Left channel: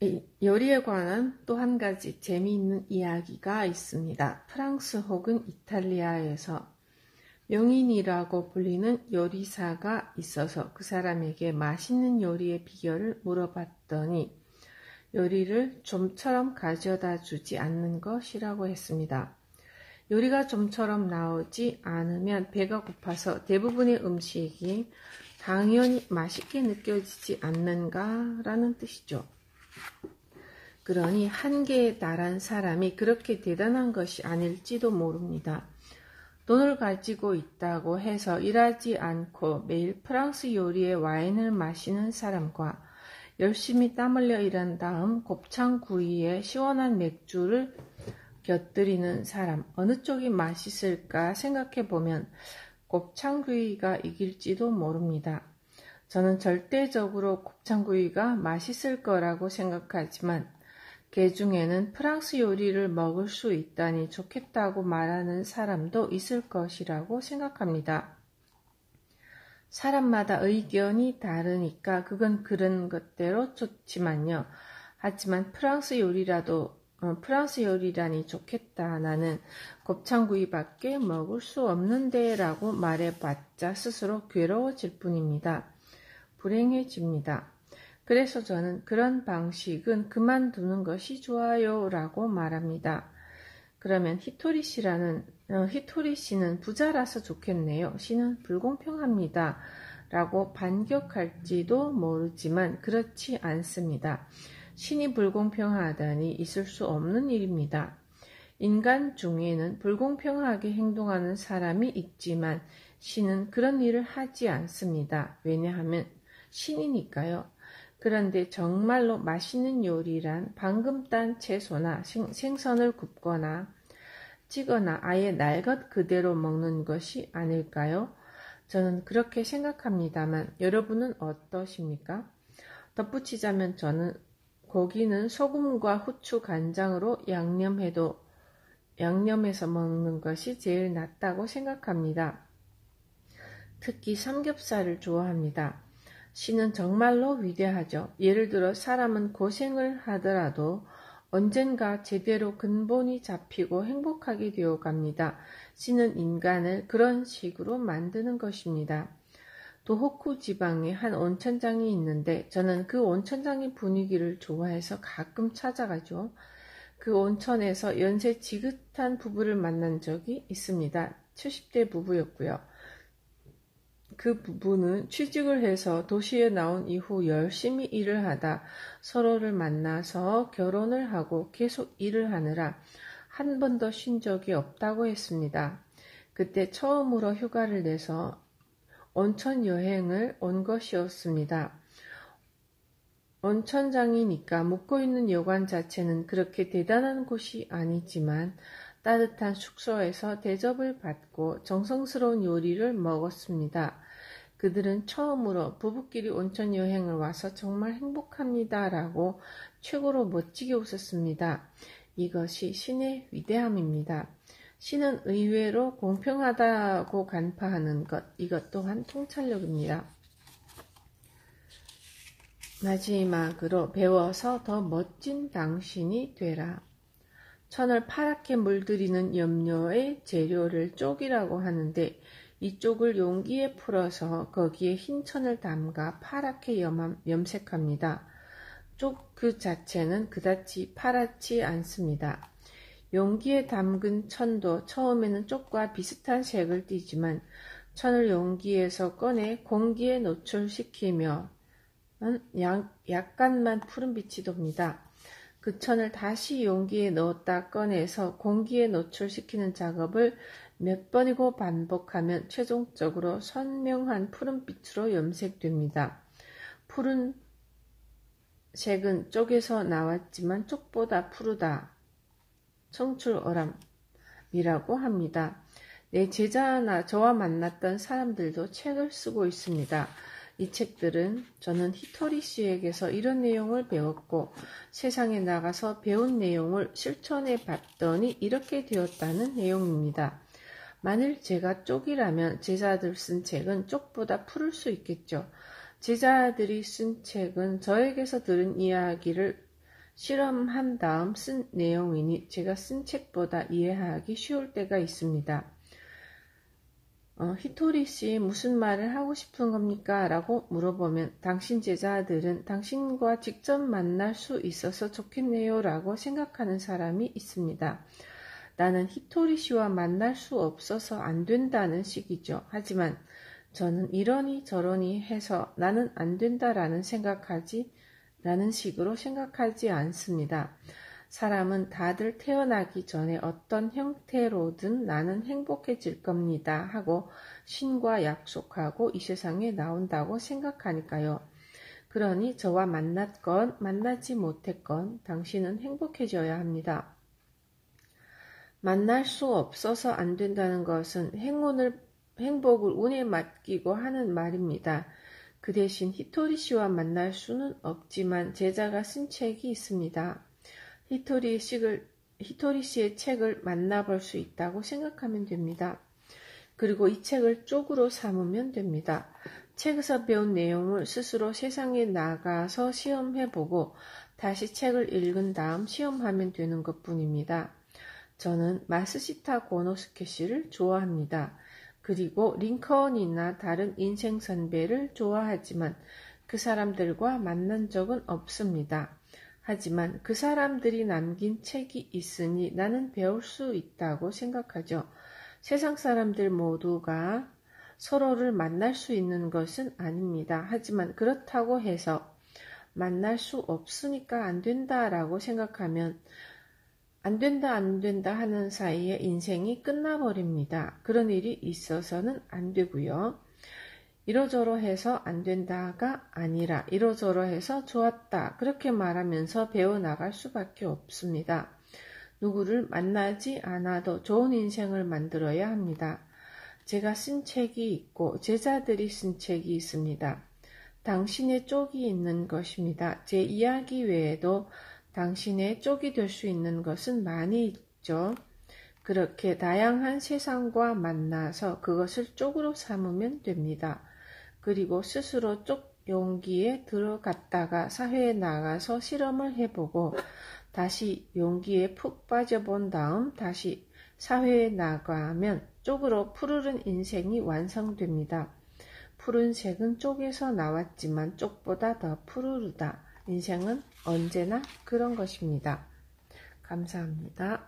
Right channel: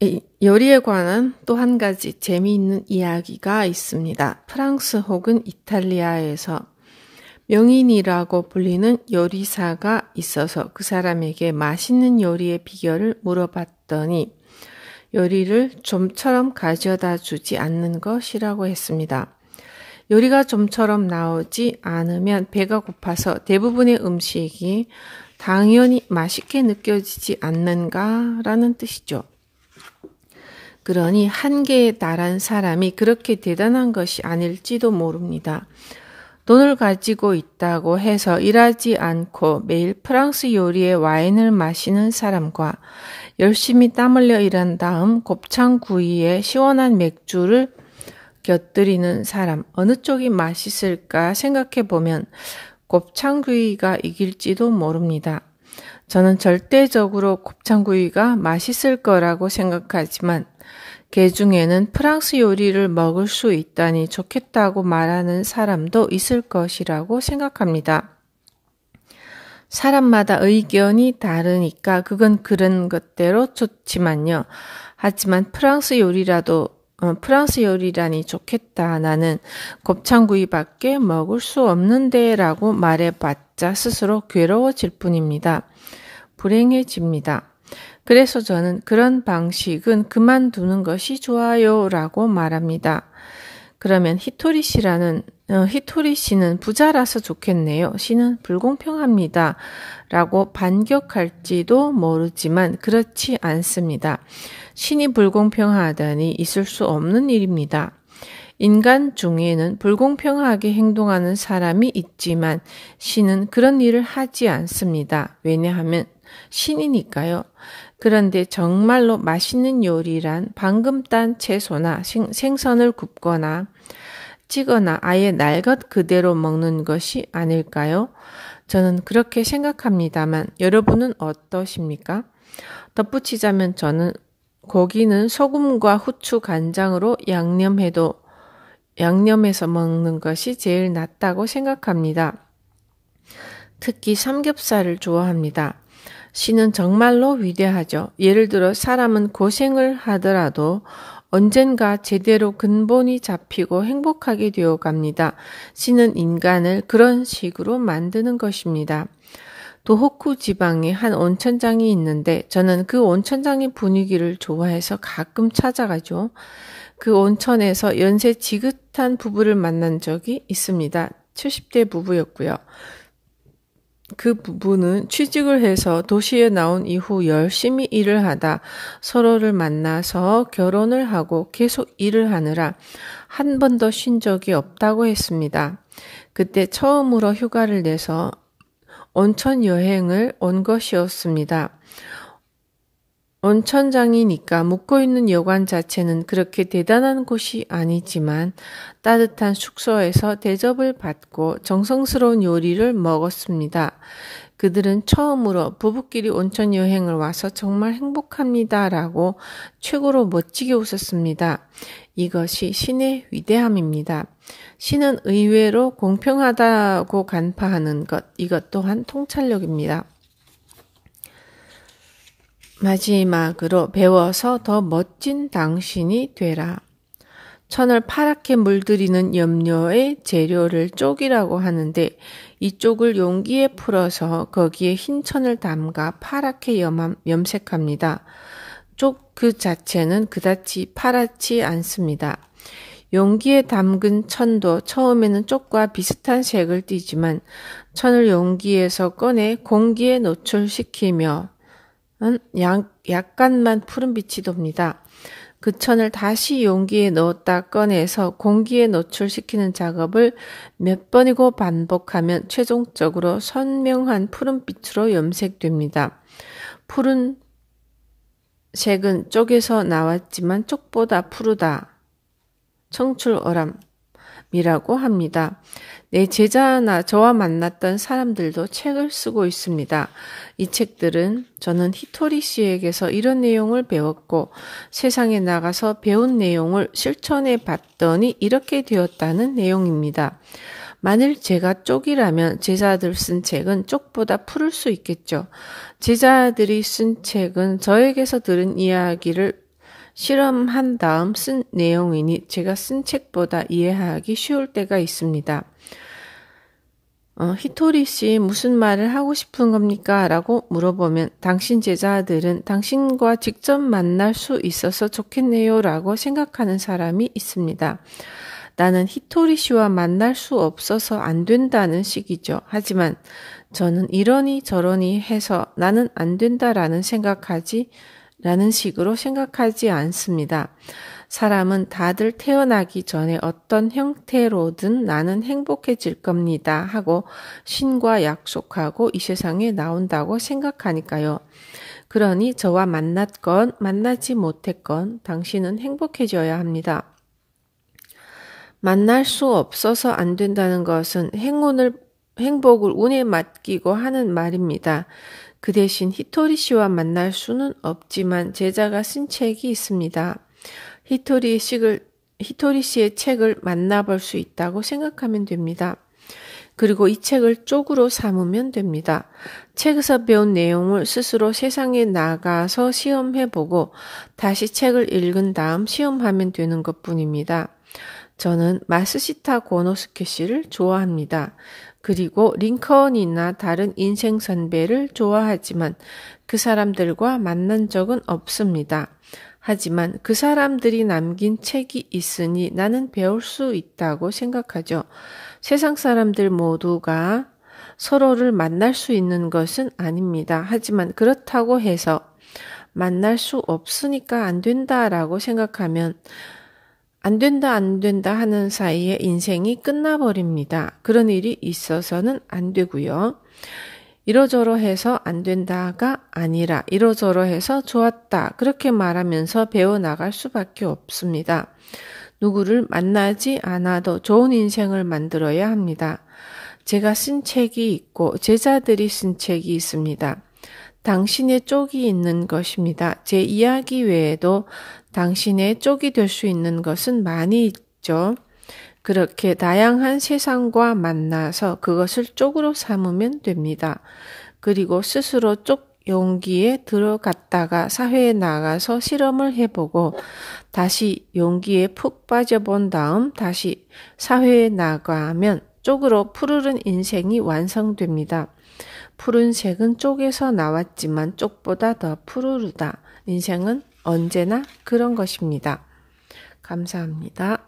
이 요리에 관한 또 한 가지 재미있는 이야기가 있습니다. 프랑스 혹은 이탈리아에서 명인이라고 불리는 요리사가 있어서 그 사람에게 맛있는 요리의 비결을 물어봤더니 요리를 좀처럼 가져다 주지 않는 것이라고 했습니다. 요리가 좀처럼 나오지 않으면 배가 고파서 대부분의 음식이 당연히 맛있게 느껴지지 않는가라는 뜻이죠. 그러니 한계에 달한 사람이 그렇게 대단한 것이 아닐지도 모릅니다. 돈을 가지고 있다고 해서 일하지 않고 매일 프랑스 요리의 와인을 마시는 사람과 열심히 땀 흘려 일한 다음 곱창구이에 시원한 맥주를 곁들이는 사람, 어느 쪽이 맛있을까 생각해 보면 곱창구이가 이길지도 모릅니다. 저는 절대적으로 곱창구이가 맛있을 거라고 생각하지만 개 중에는 프랑스 요리를 먹을 수 있다니 좋겠다고 말하는 사람도 있을 것이라고 생각합니다. 사람마다 의견이 다르니까 그건 그런 것대로 좋지만요. 하지만 프랑스 요리라니 좋겠다. 나는 곱창구이밖에 먹을 수 없는데 라고 말해봤자 스스로 괴로워질 뿐입니다. 불행해집니다. 그래서 저는 그런 방식은 그만두는 것이 좋아요 라고 말합니다. 그러면 히토리 씨는 부자라서 좋겠네요. 시는 불공평합니다. 라고 반격할지도 모르지만 그렇지 않습니다. 신이 불공평하다니 있을 수 없는 일입니다. 인간 중에는 불공평하게 행동하는 사람이 있지만 신은 그런 일을 하지 않습니다. 왜냐하면 신이니까요. 그런데 정말로 맛있는 요리란 방금 딴 채소나 생선을 굽거나 찌거나 아예 날 것 그대로 먹는 것이 아닐까요? 저는 그렇게 생각합니다만 여러분은 어떠십니까? 덧붙이자면 저는 고기는 소금과 후추, 간장으로 양념해서 먹는 것이 제일 낫다고 생각합니다. 특히 삼겹살을 좋아합니다. 신은 정말로 위대하죠. 예를 들어 사람은 고생을 하더라도 언젠가 제대로 근본이 잡히고 행복하게 되어 갑니다. 신은 인간을 그런 식으로 만드는 것입니다. 도호쿠 지방에 한 온천장이 있는데 저는 그 온천장의 분위기를 좋아해서 가끔 찾아가죠. 그 온천에서 연세 지긋한 부부를 만난 적이 있습니다. 70대 부부였고요. 그 부부는 취직을 해서 도시에 나온 이후 열심히 일을 하다 서로를 만나서 결혼을 하고 계속 일을 하느라 한 번도 쉰 적이 없다고 했습니다. 그때 처음으로 휴가를 내서 온천 여행을 온 것이었습니다. 온천장이니까 묵고 있는 여관 자체는 그렇게 대단한 곳이 아니지만 따뜻한 숙소에서 대접을 받고 정성스러운 요리를 먹었습니다. 그들은 처음으로 부부끼리 온천 여행을 와서 정말 행복합니다 라고 최고로 멋지게 웃었습니다. 이것이 신의 위대함입니다. 신은 의외로 공평하다고 간파하는 것, 이것 또한 통찰력입니다. 마지막으로 배워서 더 멋진 당신이 되라. 천을 파랗게 물들이는 염료의 재료를 쪽이라고 하는데 이 쪽을 용기에 풀어서 거기에 흰 천을 담가 파랗게 염색합니다. 쪽 그 자체는 그다지 파랗지 않습니다. 용기에 담근 천도 처음에는 쪽과 비슷한 색을 띠지만 천을 용기에서 꺼내 공기에 노출시키며 약간만 푸른빛이 돕니다. 그 천을 다시 용기에 넣었다 꺼내서 공기에 노출시키는 작업을 몇 번이고 반복하면 최종적으로 선명한 푸른빛으로 염색됩니다. 푸른 색은 쪽에서 나왔지만 쪽보다 푸르다. 청출어람이라고 합니다. 내 제자나 저와 만났던 사람들도 책을 쓰고 있습니다. 이 책들은 저는 히토리 씨에게서 이런 내용을 배웠고 세상에 나가서 배운 내용을 실천해 봤더니 이렇게 되었다는 내용입니다. 만일 제가 쪽이라면 제자들 쓴 책은 쪽보다 푸를 수 있겠죠. 제자들이 쓴 책은 저에게서 들은 이야기를 실험한 다음 쓴 내용이니 제가 쓴 책보다 이해하기 쉬울 때가 있습니다. 히토리 씨 무슨 말을 하고 싶은 겁니까? 라고 물어보면 당신 제자들은 당신과 직접 만날 수 있어서 좋겠네요 라고 생각하는 사람이 있습니다. 나는 히토리 씨와 만날 수 없어서 안 된다는 식이죠. 하지만 저는 이러니 저러니 해서 나는 안 된다라는 식으로 생각하지 않습니다. 사람은 다들 태어나기 전에 어떤 형태로든 나는 행복해질 겁니다 하고 신과 약속하고 이 세상에 나온다고 생각하니까요. 그러니 저와 만났건 만나지 못했건 당신은 행복해져야 합니다. 만날 수 없어서 안 된다는 것은 행복을 운에 맡기고 하는 말입니다. 그 대신 히토리 씨와 만날 수는 없지만 제자가 쓴 책이 있습니다. 히토리 씨의 책을 만나볼 수 있다고 생각하면 됩니다. 그리고 이 책을 쪽으로 삼으면 됩니다. 책에서 배운 내용을 스스로 세상에 나가서 시험해보고 다시 책을 읽은 다음 시험하면 되는 것뿐입니다. 저는 마스시타 고노스케 씨를 좋아합니다. 그리고 링컨이나 다른 인생 선배를 좋아하지만 그 사람들과 만난 적은 없습니다. 하지만 그 사람들이 남긴 책이 있으니 나는 배울 수 있다고 생각하죠. 세상 사람들 모두가 서로를 만날 수 있는 것은 아닙니다. 하지만 그렇다고 해서 만날 수 없으니까 안 된다라고 생각하면 안 된다 하는 사이에 인생이 끝나버립니다. 그런 일이 있어서는 안 되고요. 이러저러해서 안 된다가 아니라 이러저러해서 좋았다. 그렇게 말하면서 배워나갈 수밖에 없습니다. 누구를 만나지 않아도 좋은 인생을 만들어야 합니다. 제가 쓴 책이 있고 제자들이 쓴 책이 있습니다. 당신의 쪽이 있는 것입니다. 제 이야기 외에도 당신의 쪽이 될 수 있는 것은 많이 있죠. 그렇게 다양한 세상과 만나서 그것을 쪽으로 삼으면 됩니다. 그리고 스스로 쪽 용기에 들어갔다가 사회에 나가서 실험을 해보고 다시 용기에 푹 빠져본 다음 다시 사회에 나가면 쪽으로 푸르른 인생이 완성됩니다. 푸른색은 쪽에서 나왔지만 쪽보다 더 푸르르다. 인생은 언제나 그런 것입니다. 감사합니다.